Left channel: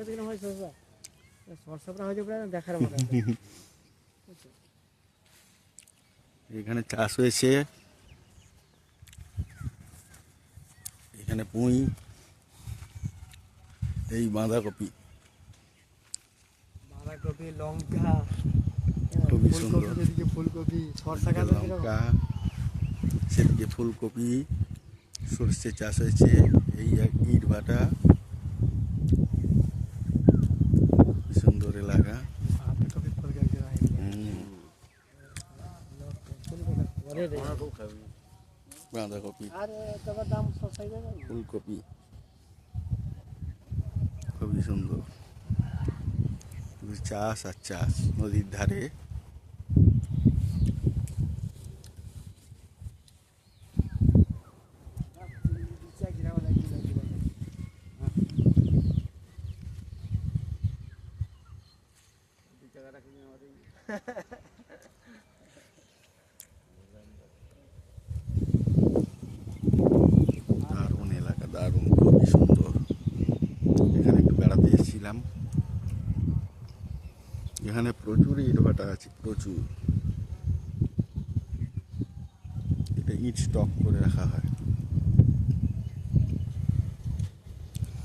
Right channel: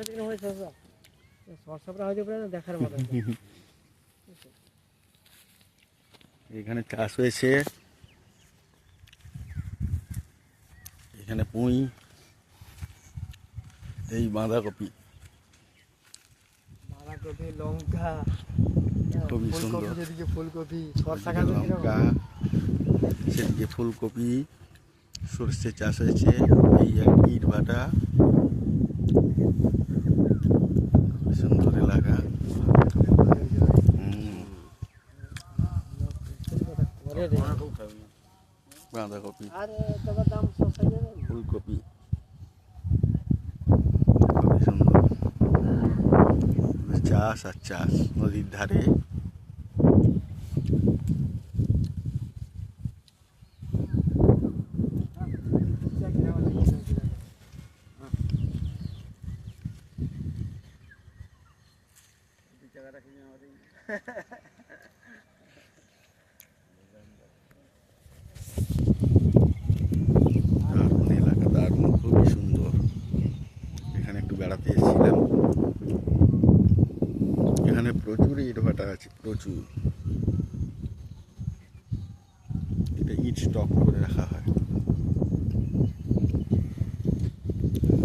দিকে হয় দেখার মতো এখানে চাষ হয়েছে। এখানে পুঁই এই বাঁধাকপি। বাঁধাকপি লঙ্কা ফুলকপি যেদিকে ফুলকপি সরষা এদিকে গাছ লঙ্কা সেদিকে ফুলকপি সর্ষে চাষ হয়েছে এই এক ইট ভাটা সুন্দর এলাকা হুম, করে রে বাঁধাকপি। ফুলকপি। খুবই সুন্দর। চাষ আর চাষ নদীর ধারে। দারুণ খুবই সুন্দর। এখানে একটু বেড়াতে এসেছিলাম। এখানে প্রচুর ইট ভাটা আছে, প্রচুর। এটা ইট স্টক করে রাখা হয়।